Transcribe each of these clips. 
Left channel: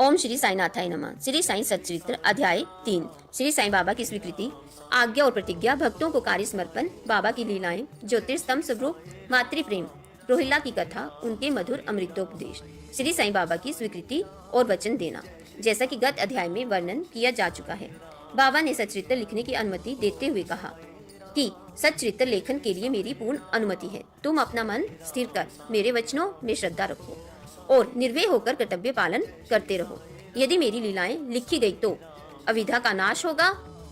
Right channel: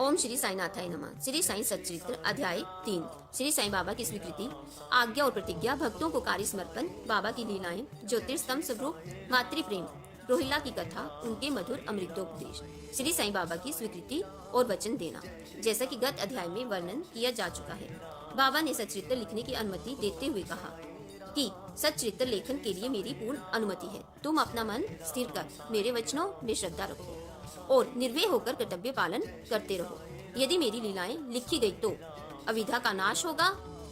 ओम श्री साईनाथाय नमः। श्री साईं सच्चरित्र अध्याय 3। श्री साईं बाबा की स्वीकृति, आज्ञा और प्रतिज्ञा, भक्तों को कार्य समर्पण, बाबा की लीलाएं, ज्योतिषस्तंभ स्वरूप, मातृ प्रेम, रोहिल्ला की कथा, उनके मधुर अमृतोपदेश, श्री साईं बाबा की स्वीकृति और वचन देना। जैसा कि गत अध्याय में वर्णन किया जा चुका है, बाबा ने सच्चरित्र लिखने की अनुमति देते हुए कहा कि सच्चरित्र लेखन के लिए मेरी पूर्ण अनुमति है। तुम अपना मन स्थिर कर मेरे वचनों में श्रद्धा रखो और निर्भय होकर कर्तव्य पालन करते रहो। यदि मेरी लीलाएं लिखी गई तो अविद्या का नाश होगा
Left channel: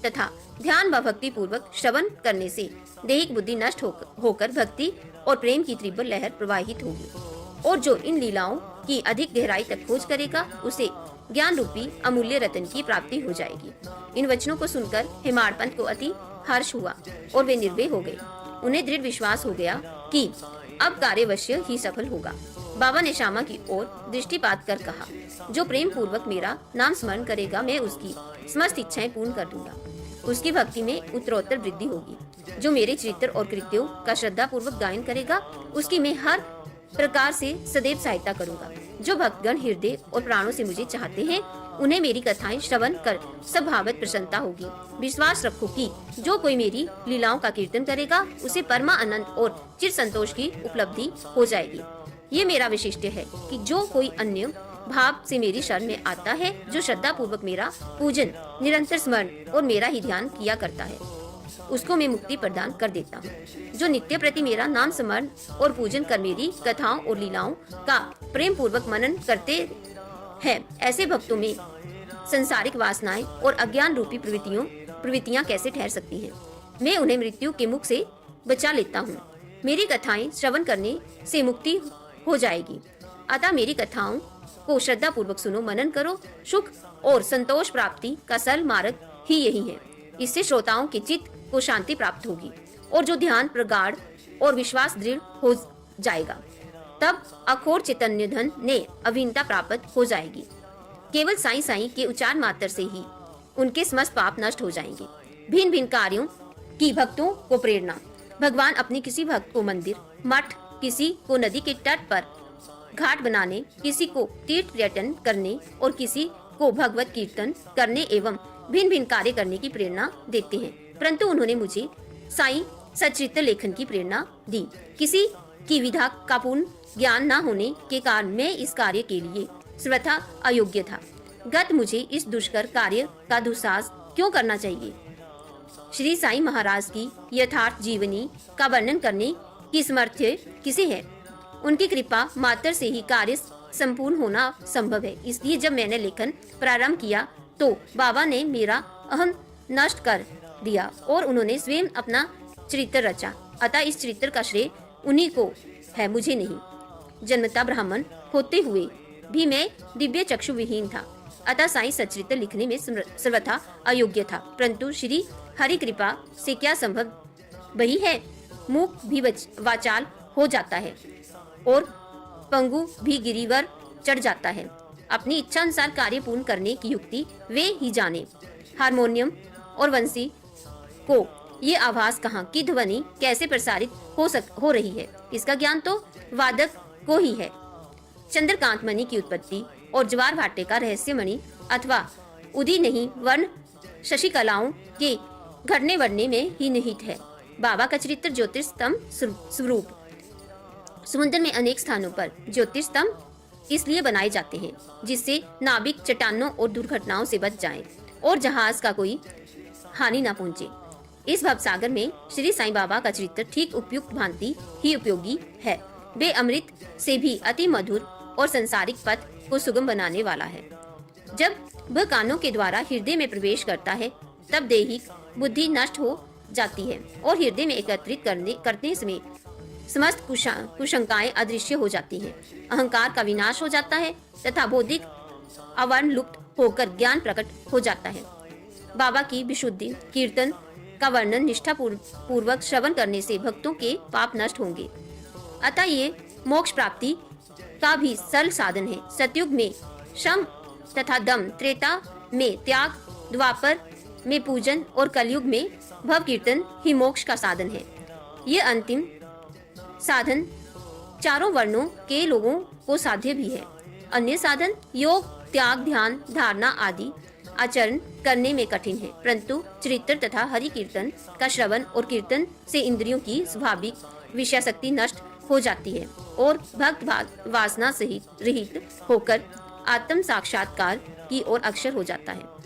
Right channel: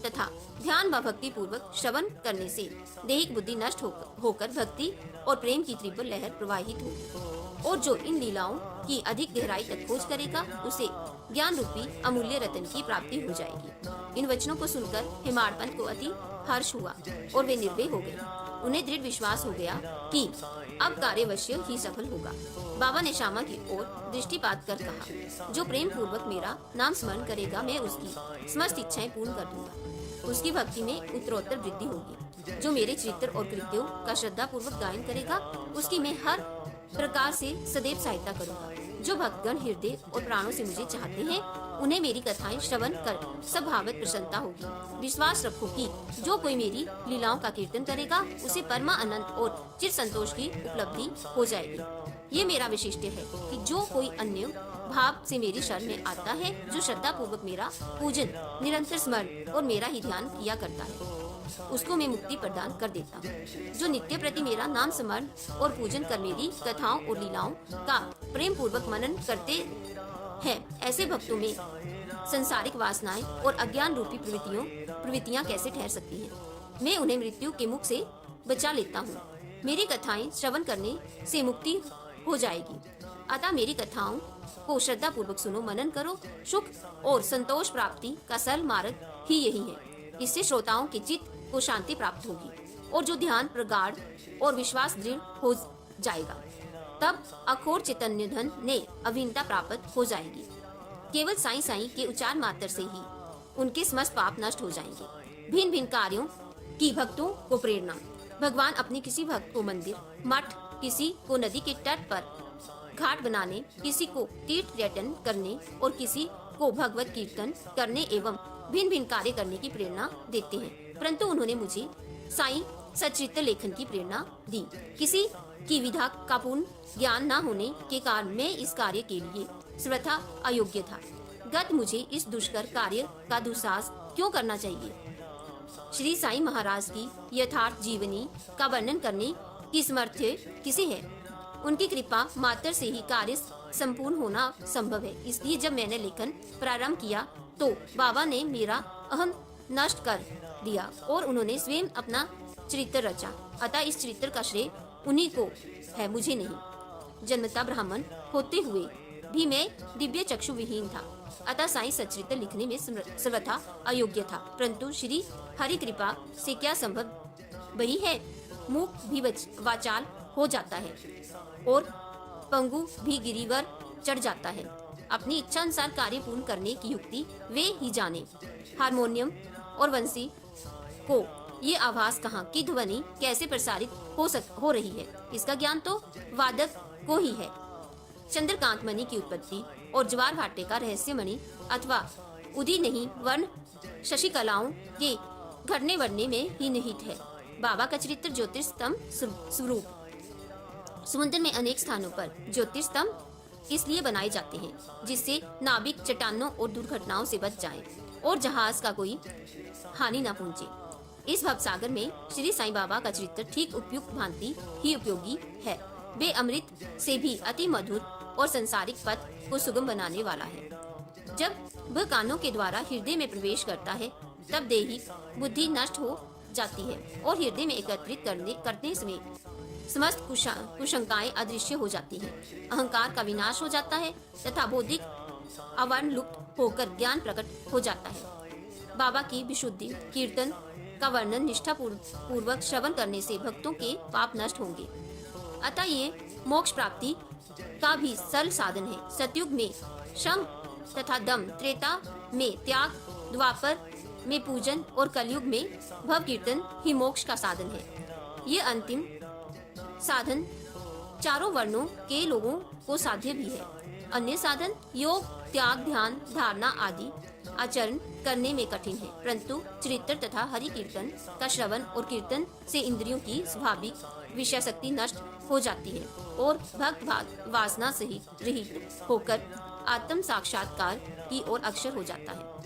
तथा ध्यान व भक्ति पूर्वक श्रवण करने से दैहिक बुद्धि नष्ट होकर भक्ति और प्रेम की तीव्र लहर प्रवाहित होगी। और जो इन लीलाओं की अधिक गहराई तक खोज करेगा उसे ज्ञान रूपी अमूल्य रत्न की प्राप्ति हो जाएगी। इन वचनों को सुनकर हेमाडपंत को अति हर्ष हुआ और वे निर्भय हो गए। उन्हें दृढ़ विश्वास हो गया कि अब कार्य अवश्य ही सफल होगा। बाबा ने श्यामा की ओर दृष्टिपात कर कहा, जो प्रेम पूर्वक मेरा नाम स्मरण करेगा मैं उसकी समस्त इच्छाएं पूर्ण कर दूंगा। उसकी भक्ति में उत्तरोत्तर वृद्धि होगी। जो मेरे चरित्र और कृत्यों का श्रद्धा पूर्वक गायन करेगा उसकी मैं हर प्रकार से सदैव सहायता करूंगा। जो भक्तगण हृदय और प्राणों से मुझे चाहते हैं उन्हें मेरी कथाएं श्रवण कर स्वभावत प्रसन्नता होगी। विश्वास रखो कि जो कोई मेरी लीलाओं का कीर्तन करेगा उसे परमा आनंद और चिर संतोष की उपलब्धि हो जाएगी। ये मेरा विशिष्ट है कि जो कोई अन्य भाव से मेरी शरण में आता है, जो श्रद्धा पूर्वक मेरा पूजन, निरंतर स्मरण और मेरा ही ध्यान किया करता है, उसको मैं मुक्ति प्रदान कर देता हूँ। जो नित्य प्रति मेरा नाम स्मरण और पूजन कर मेरी कथाओं और लीलाओं का प्रेम पूर्वक मनन करते हैं, ऐसे भक्तों में संसारिक वासनाएं और अज्ञान रूपी प्रवृत्तियां कैसे ठहर सकती हैं। मैं उन्हें मृत्यु के मुख से बचा लेता हूँ। मेरी कथाएं श्रवण करने से मुक्ति हो जाएगी। अतः मेरी कथाओं को श्रद्धा पूर्वक सुनो, मनन करो। सुख और संतोष प्राप्ति का सरल मार्ग ही यही है। इससे श्रोताओं के चित्त को शांति प्राप्त होगी और जो ध्यान प्रगाढ़ और विश्वास दृढ़ हो जाएगा, तब अखोर चैतन्य धन ने अभिन्नता प्राप्त हो जाएगी। केवल साईं साईं के उच्चारण मात्र से ही उनके समस्त पाप नष्ट हो जाएंगे। भिन्न भिन्न कार्यों की भक्तों को प्रेरणा। भगवान अपने किसी भक्त को मंदिर, मठ, किसी को नदी के तट पर घाट बनाने, किसी को तीर्थ पर्यटन करने और किसी को भगवत कीर्तन करने एवं भिन्न भिन्न कार्य करने की प्रेरणा देते हैं। परंतु उन्होंने मुझे साईं सच्चरित्र लेखन की प्रेरणा दी। किसी की विधा का पूर्ण ज्ञान न होने के कारण मैं इस कार्य के लिए सर्वथा अयोग्य था। गत मुझे इस दुष्कर कार्य का दुस्साहस क्यों करना चाहिए। श्री साईं महाराज की यथार्थ जीवनी का वर्णन करने की सामर्थ्य किसे है। उनकी कृपा मात्र से ही कार्य संपूर्ण होना संभव है। इसलिए जब मैंने लेखन प्रारंभ किया तो बाबा ने मेरा अहम नष्ट कर दिया और उन्होंने स्वयं अपना चरित्र रचा। अतः इस चरित्र का श्रेय उन्हीं को है, मुझे नहीं। जन्मता ब्राह्मण होते हुए भी मैं दिव्य चक्षु विहीन था। अतः साईं सच्चरित्र लिखने में सर्वथा अयोग्य था। परंतु श्री हरि कृपा से क्या संभव वही है। मूक भी वाचाल हो जाता है और पंगु भी गिरिवर चढ़ जाता है। अपनी इच्छा अनुसार कार्य पूर्ण करने की युक्ति वे ही जाने। हारमोनियम और वंशी को ये आवाज कहाँ की ध्वनि कैसे प्रसारित हो रही है, इसका ज्ञान तो वादक को ही है। चंद्रकांत मणि की उत्पत्ति और ज्वार भाटे का रहस्य मणि अथवा उदी नहीं वर्ण शशिकलाओं के घटने बढ़ने में ही निहित है। बाबा का चरित्र ज्योतिष स्तंभ स्वरूप। समुद्र में अनेक स्थानों पर ज्योतिष स्तंभ इसलिए बनाए जाते हैं जिससे नाविक चट्टानों और दुर्घटनाओं से बच जाएं और जहाज का कोई हानि न पहुंचे। इस भवसागर में श्री साईं बाबा का चरित्र ठीक उपयुक्त भांति ही उपयोगी है। वे अमृत से भी अति मधुर और संसारिक पथ को सुगम बनाने वाला है। जब वह कानों के द्वारा हृदय में प्रवेश करता है तब दैहिक बुद्धि नष्ट हो जाती है और हृदय में एकत्रित करने समय समस्त कुशंकाएं अदृश्य हो जाती हैं। अहंकार का विनाश हो जाता है तथा बौद्धिक आवरण लुप्त होकर ज्ञान प्रकट हो जाता है। बाबा की विशुद्धि कीर्तन का वर्णन निष्ठा पूर्वक श्रवण करने से भक्तों के पाप नष्ट होंगे। अतः ये मोक्ष प्राप्ति का भी सरल साधन है। सतयुग में श्रम तथा दम, त्रेता में त्याग, द्वापर में पूजन और कलयुग में भव कीर्तन ही मोक्ष का साधन है। ये अंतिम साधन चारों वर्णों के लोगों को साध्य भी है। अन्य साधन योग, त्याग, ध्यान, धारणा आदि आचरण करने में कठिन है, परंतु चरित्र तथा हरि कीर्तन का श्रवण और कीर्तन से इंद्रियों की स्वाभाविक विषय शक्ति नष्ट हो जाती है और भक्त वासना से रहित होकर आत्म साक्षात्कार की ओर अक्षर हो जाता है।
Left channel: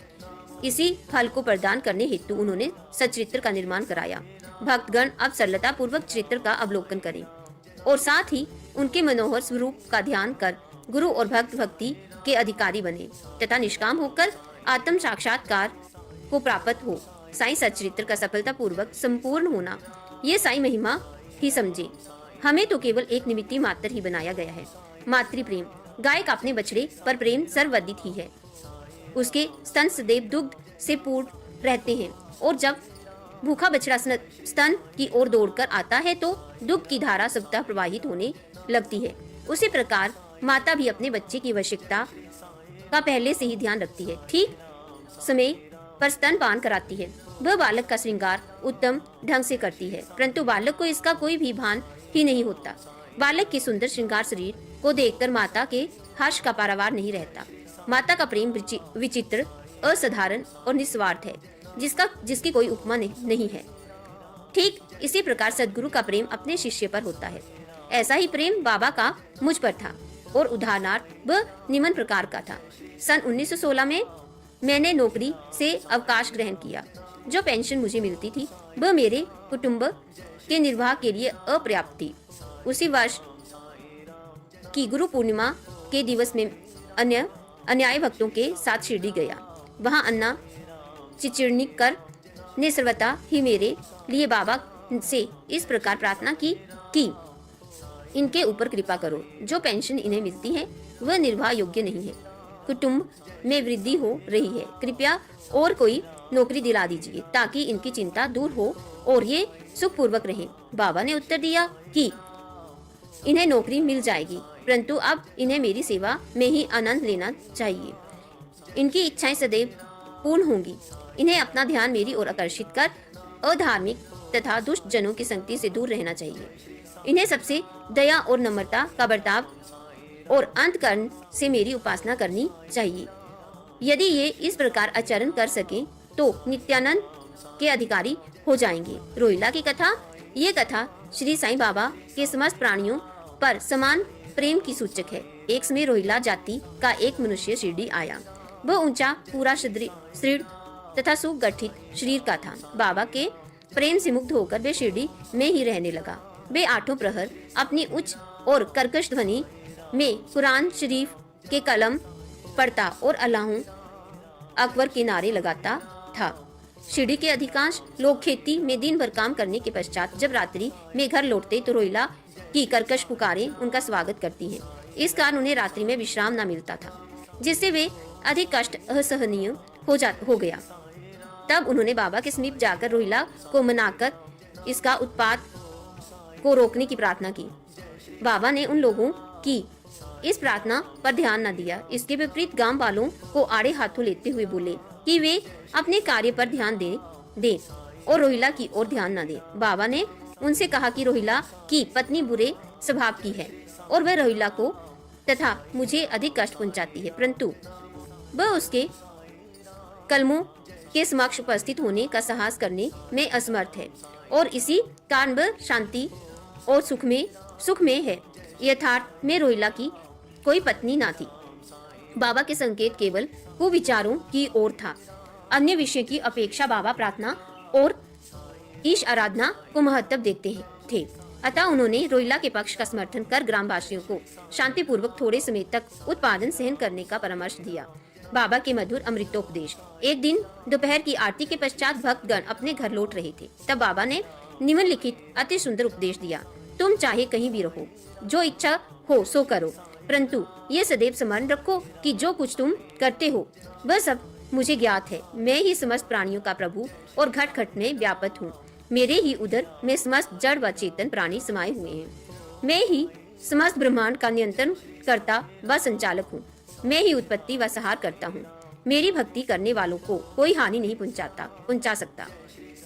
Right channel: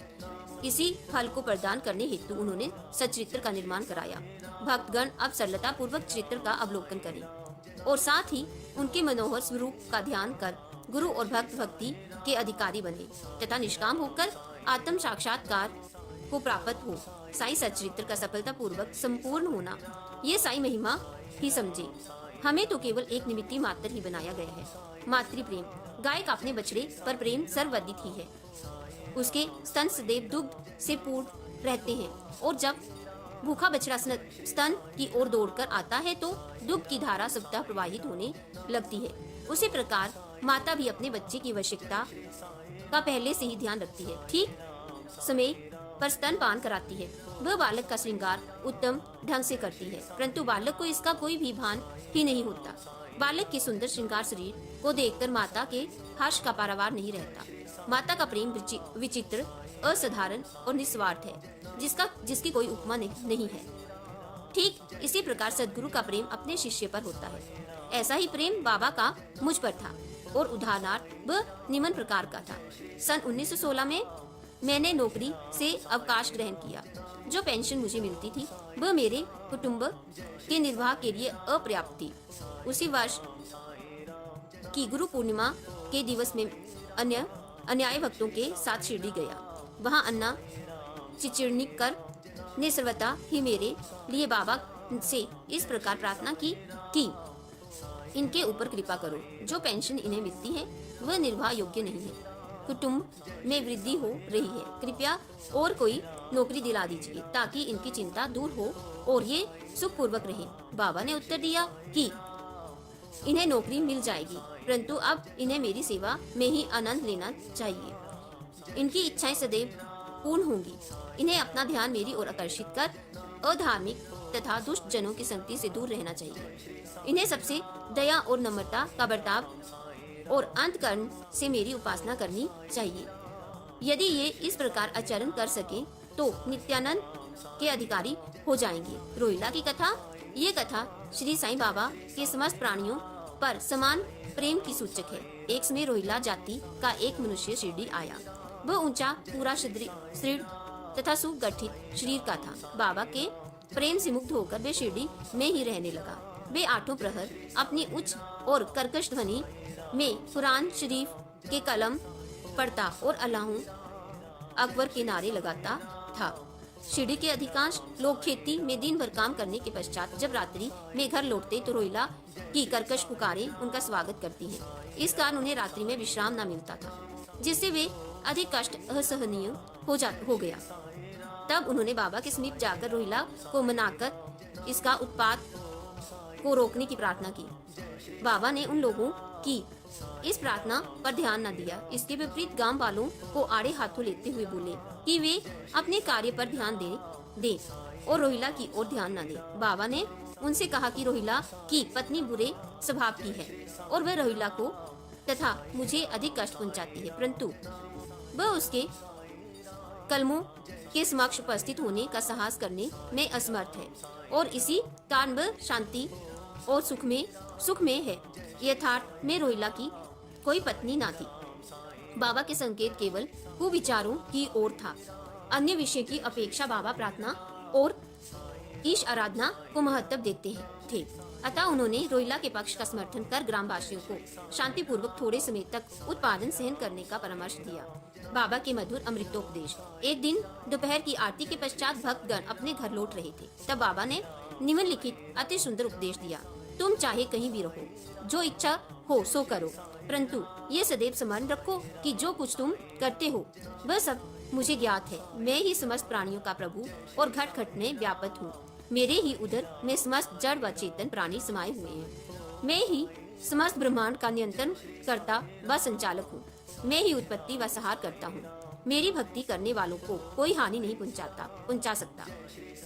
इसी फल को प्रदान करने हेतु उन्होंने सच्चरित्र का निर्माण कराया। भक्तगण अब सरलता पूर्वक चरित्र का अवलोकन करें और साथ ही उनके मनोहर स्वरूप का ध्यान कर गुरु और भक्त भक्ति के अधिकारी बने तथा निष्काम होकर आत्म साक्षात्कार को प्राप्त हो। साईं सच्चरित्र का सफलता पूर्वक संपूर्ण होना ये साईं महिमा ही समझे। हमें तो केवल एक निमित्त मात्र ही बनाया गया है। मातृ प्रेम, गाय का अपने बछड़े पर प्रेम सर्वविदित ही है। उसके स्तन सदैव दुग्ध से पूर्ण रहते हैं और जब भूखा बछड़ा स्तन की ओर दौड़कर आता है तो दुग्ध की धारा स्वतः प्रवाहित होने लगती है। उसी प्रकार माता भी अपने बच्चे की आवश्यकता का पहले से ही ध्यान रखती है, ठीक समय पर स्तनपान कराती है। वह बालक का श्रृंगार उत्तम ढंग से करती है, परंतु बालक को इसका कोई भी भान ही नहीं होता। बालक के सुंदर श्रृंगार शरीर को देखकर माता के हर्ष का पारावार नहीं रहता। माता का प्रेम विचित्र, असाधारण और निस्वार्थ है, जिसकी कोई उपमा नहीं है। ठीक इसी प्रकार सद्गुरु का प्रेम अपने शिष्य पर होता है। ऐसा ही प्रेम बाबा का मुझ पर था और उदाहरणार्थ वह निम्न प्रकार का था। सन 1916 में मैंने नौकरी से अवकाश ग्रहण किया। जो पेंशन मुझे मिलती थी वह मेरे कुटुंब के निर्वाह के लिए अपर्याप्त थी। उसी वर्ष की गुरु पूर्णिमा के दिवस में अन्याय भक्तों के साथ शिरडी गया। वहां अन्ना चिचिर्णिकर ने सर्वथा ही मेरे लिए बाबा से इस प्रकार प्रार्थना की कि इनके ऊपर कृपा करो। जो पेंशन इन्हें मिलती है वह निर्वाह योग्य नहीं है। कुटुंब में वृद्धि हो रही है, कृपया और कोई नौकरी दिला दीजिए ताकि इनकी चिंता दूर हो और ये सुखपूर्वक रहें। बाबा ने उत्तर दिया कि इन्हें नौकरी मिल जाएगी, परंतु अब इन्हें मेरी सेवा में ही आनंद लेना चाहिए। इनकी इच्छाएं सदैव पूर्ण होंगी। इन्हें अपना ध्यान मेरी ओर आकर्षित कर अधार्मिक तथा दुष्ट जनों की संगति से दूर रहना चाहिए। इन्हें सबसे दया और नम्रता का बर्ताव और अंतकरण से मेरी उपासना करनी चाहिए। यदि ये इस प्रकार आचरण कर सकें तो नित्यानंद के अधिकारी हो जाएंगे। रोहिला की कथा, ये कथा श्री साईं बाबा के समस्त प्राणियों पर समान प्रेम की सूचक है। एक समय रोहिला जाति का एक मनुष्य शिरडी आया। वह ऊंचा, पूरा सुदृढ़ तथा सुगठित शरीर का था। बाबा के प्रेम से मुग्ध होकर वे शिरडी में ही रहने लगा। वे आठों प्रहर अपनी उच्च और कर्कश ध्वनि में कुरान शरीफ के कलम पढ़ता और अल्लाह अकबर के नारे लगाता था। शिरडी के अधिकांश लोग खेती में दिन भर काम करने के पश्चात जब रात्रि में घर लौटते तो रोहिला की कर्कश पुकारें उनका स्वागत करती हैं। इस कारण उन्हें रात्रि में विश्राम न मिलता था, जिससे वे अधिक कष्ट असहनीय हो गया। तब उन्होंने बाबा के समीप जाकर रोहिला को मनाकर इसका उत्पात को रोकने की प्रार्थना की। बाबा ने उन लोगों की इस प्रार्थना पर ध्यान न दिया। इसके विपरीत गांव वालों को आड़े हाथों लेते हुए बोले कि वे अपने कार्य पर ध्यान दें और रोहिला की ओर ध्यान न दें। बाबा ने उनसे कहा कि रोहिला की पत्नी बुरे स्वभाव की है और वह रोहिला को तथा मुझे अधिक कष्ट पहुंचाती है, परंतु वह उसके कलमों के समक्ष उपस्थित होने का साहस करने में असमर्थ है और इसी कारण वह शांति और सुख में है। यथार्थ में रोहिला की कोई पत्नी ना थी। बाबा के संकेत केवल कुविचारों की ओर था। अन्य विषय की अपेक्षा बाबा प्रार्थना और ईश आराधना को महत्व देते थे। अतः उन्होंने रोहिला के पक्ष का समर्थन कर ग्रामवासियों को शांतिपूर्वक थोड़े समय तक उत्पादन सहन करने का परामर्श दिया। बाबा के मधुर अमृतोपदेश। एक दिन दोपहर की आरती के पश्चात भक्तगण अपने घर लौट रहे थे। तब बाबा ने निम्नलिखित अति सुंदर उपदेश दिया। तुम चाहे कहीं भी रहो, जो इच्छा हो सो करो, परंतु ये सदैव स्मरण रखो कि जो कुछ तुम करते हो वह सब मुझे ज्ञात है। मैं ही समस्त प्राणियों का प्रभु और घट घट में व्यापक हूँ। मेरे ही उदर में समस्त जड़ व चेतन प्राणी समाये हुए हैं। मैं ही समस्त ब्रह्मांड का नियंत्रण करता व संचालक हूँ। मैं ही उत्पत्ति व संहार करता हूँ। मेरी भक्ति करने वालों को कोई हानि नहीं पहुँचा सकता।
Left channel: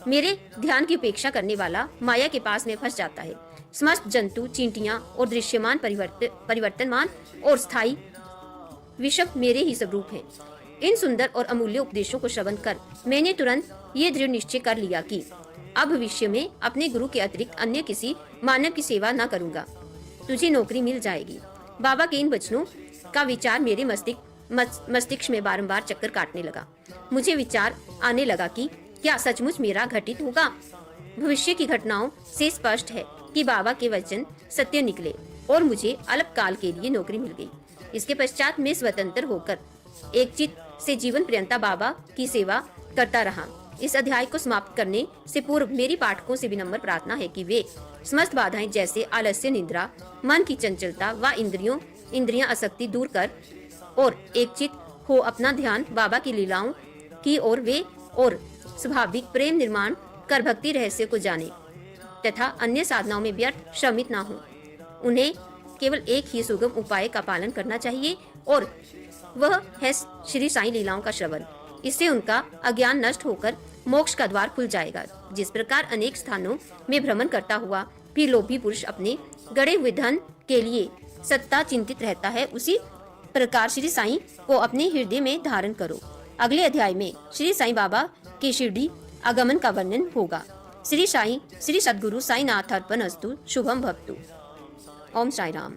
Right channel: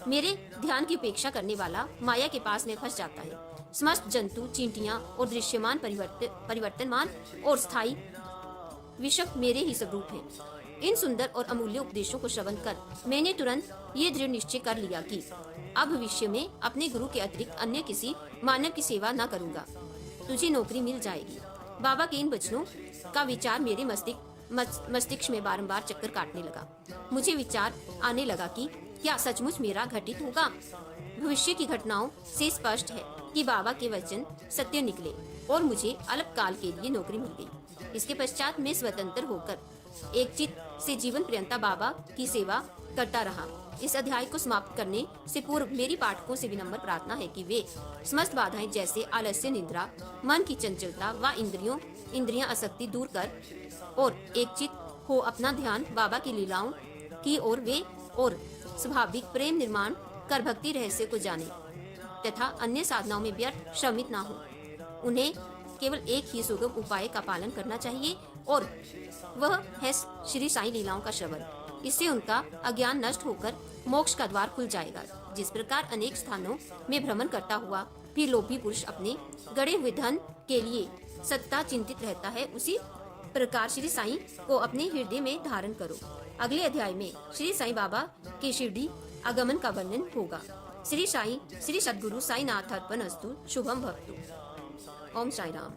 मेरे ध्यान की उपेक्षा करने वाला माया के पास में फंस जाता है। समस्त जंतु, चींटियां और दृश्यमान, परिवर्तनमान और स्थायी विषभ मेरे ही स्वरूप हैं। इन सुंदर और अमूल्य उपदेशों को श्रवण कर मैंने तुरंत ये दृढ़ निश्चय कर लिया कि अब भविष्य में अपने गुरु के अतिरिक्त अन्य किसी मानव की सेवा न करूंगा। तुझे नौकरी मिल जाएगी। बाबा के इन वचनों का विचार मेरे मस्तिष्क में बारंबार चक्कर काटने लगा। मुझे विचार आने लगा कि क्या सचमुच मेरा घटित होगा। भविष्य की घटनाओं से स्पष्ट है कि बाबा के वचन सत्य निकले और मुझे अल्पकाल के लिए नौकरी मिल गई। इसके पश्चात मैं स्वतंत्र होकर एक चित्त से जीवन पर्यंत बाबा की सेवा करता रहा। इस अध्याय को समाप्त करने से पूर्व मेरी पाठकों से विनम्र प्रार्थना है कि वे समस्त बाधाएं जैसे आलस्य, निद्रा, मन की चंचलता व इंद्रियां आसक्ति दूर कर और एक चित्त हो अपना ध्यान बाबा की लीलाओं की ओर वे और स्वाभाविक प्रेम निर्माण कर भक्ति रहस्य को जाने तथा अन्य साधनाओं में व्यर्थ श्रमित न हो। उन्हें केवल एक ही सुगम उपाय का पालन करना चाहिए और वह है श्री साईं लीलाओं का श्रवण। इससे उनका अज्ञान नष्ट होकर मोक्ष का द्वार खुल जाएगा। जिस प्रकार अनेक स्थानों में भ्रमण करता हुआ भी लोभी पुरुष अपने गड़े हुए धन के लिए सत्ता चिंतित रहता है, उसी प्रकार श्री साईं को अपने हृदय में धारण करो। अगले अध्याय में श्री साईं बाबा के शिरडी आगमन का वर्णन होगा। श्री सद्गुरु साईनाथ अर्पणमस्तु। शुभम भवतु। ओम साई राम।